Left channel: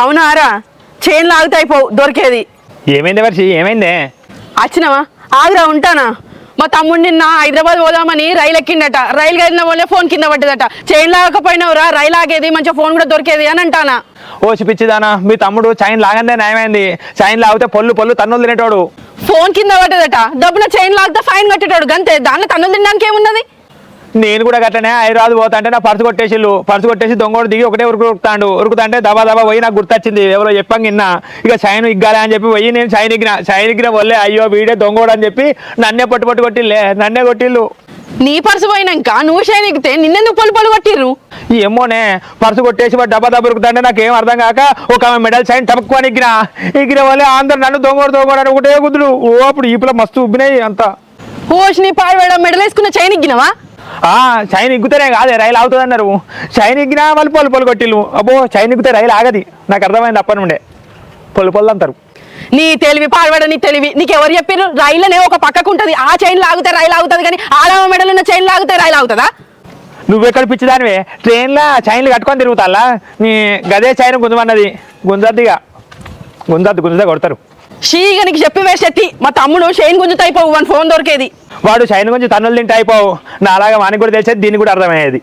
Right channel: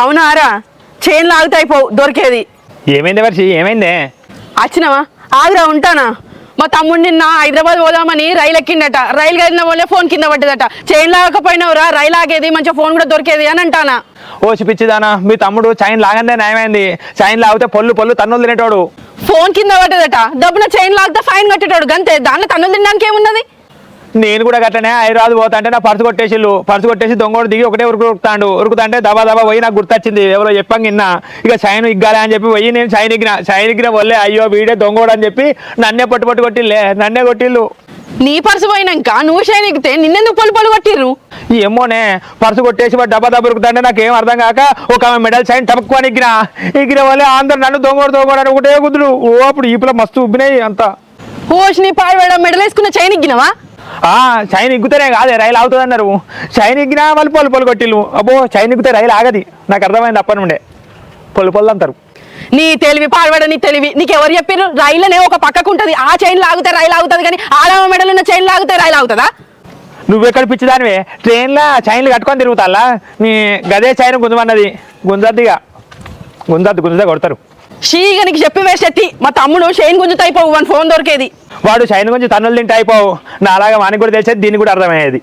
అవునారా chain లాగుతాయిపోవు దొరికేది. ఏమైంది వర్షి? ఏమైందే? వచ్చినావా? ఆగ్రా ఉంటానా. మా తమ్ముడు నిన్న హైదరాబాద్ పోదామని రైలు ఎక్కిండట. రైలు కదిన వల్లే ఫోన్ కింద పడ్డదట. చైన్ లాగకపోయినవురా, రైలు ఆగేది, మంచిగా ఫోన్ కూడా దొరికేది అని అంటానా. ఓ పిచ్చిదానా, మీ తమ్ముడు చైన్ లాగందే నయమైంది. చైన్ లాగితే పొల్లు తన్నులు తినేటోడు. ఫోన్ కింద పడ్డదట, డబ్బున చైన్ లాగితే ఫైన్ కట్టేటాడు గంతే. దాన్ని తన్నులు తినడానికి ఏమున్నది? నేను కూడా గట్లనే హైదరాబాద్ పోతా అంటే నా పర్సు కొట్టేసి దొంగోడు దిగి ఒకటే ఉరుకుతాంటే దబా పోయి నాకు గుర్తొచ్చింది. ఎవరో చెప్పంగా నిన్న ఇక చైన్ ఇగ్గాలి అని చెప్పి పోయి నేను చైన్ ఎగ్గిన వల్లే అయ్యో వీడే దొంగోడు అని చెప్పి నన్నే పట్టు కొట్టిల్లు. నీ పర్సు పోయినాక నువ్వు చైన్ ఎక్కితే నిన్నెందుకు పొలు కొట్టిర్రు? ఏమోనే, పర్సు కొట్టేసి వాడు దబా ఉరుకుతాంటే నాకేం అర్థం కాక ఒక మెడల్ చైన్ టపక్కుని ఎగ్గిన వల్లే అందరు నన్ను దొంగోడు అని ఒకటే కుదురు. ఓ అప్పుడు ఈపులో మస్తు ఉబ్బినాయి అంతా. ఓష్, నీ పాడు మెడల్ వేసుకున్న చైన్ ఎగ్గినవా? చైన్ ఎగ్గుతేనే కాదే రైలు అవుతుంది అన్నారు. చైన్ ఎగ్గినా వాళ్ళు పొలు కొట్టిల్లు. అబ్బో చైన్ ఎగ్గితే రైలు ఆగది. నాకు అర్థమైంది అప్పటి నుండే. పొలు అంటారు. నీ తెలివి పాడబడ, నీ తెలివి. నీకు ఎవరు చెప్పారు? రైలునే ఒక పక్కకు ఉంటుంది, ఆ చైన్ లాగితే రైలు ఆగుతుంది, కానీ ఆడవ మెడల్ ఉన్న చైన్ లాగితే రైలు ఆగుతుందా? నువ్వెక్కడ పిచ్చిదానివే? ట్రైన్లో చైన్లు కట్టుకొని తిరుగుతాలా? నీ గదే చైన్ గుంజమన్నది. గుంజద్దు కొడతారు. షీగా నీకు చెప్పి వేసేటి. మా తమ్ముడు చైన్ గుంజుతాయిపోవు, వన్ ఫోన్ దొరికేది. వాడు చైన్ గుంజి తన్నులు తింటే అయిపోవు. నా అలాగా వానికి కూడా తెలిసేది, దీనికి కూడా అర్థమయ్యేది.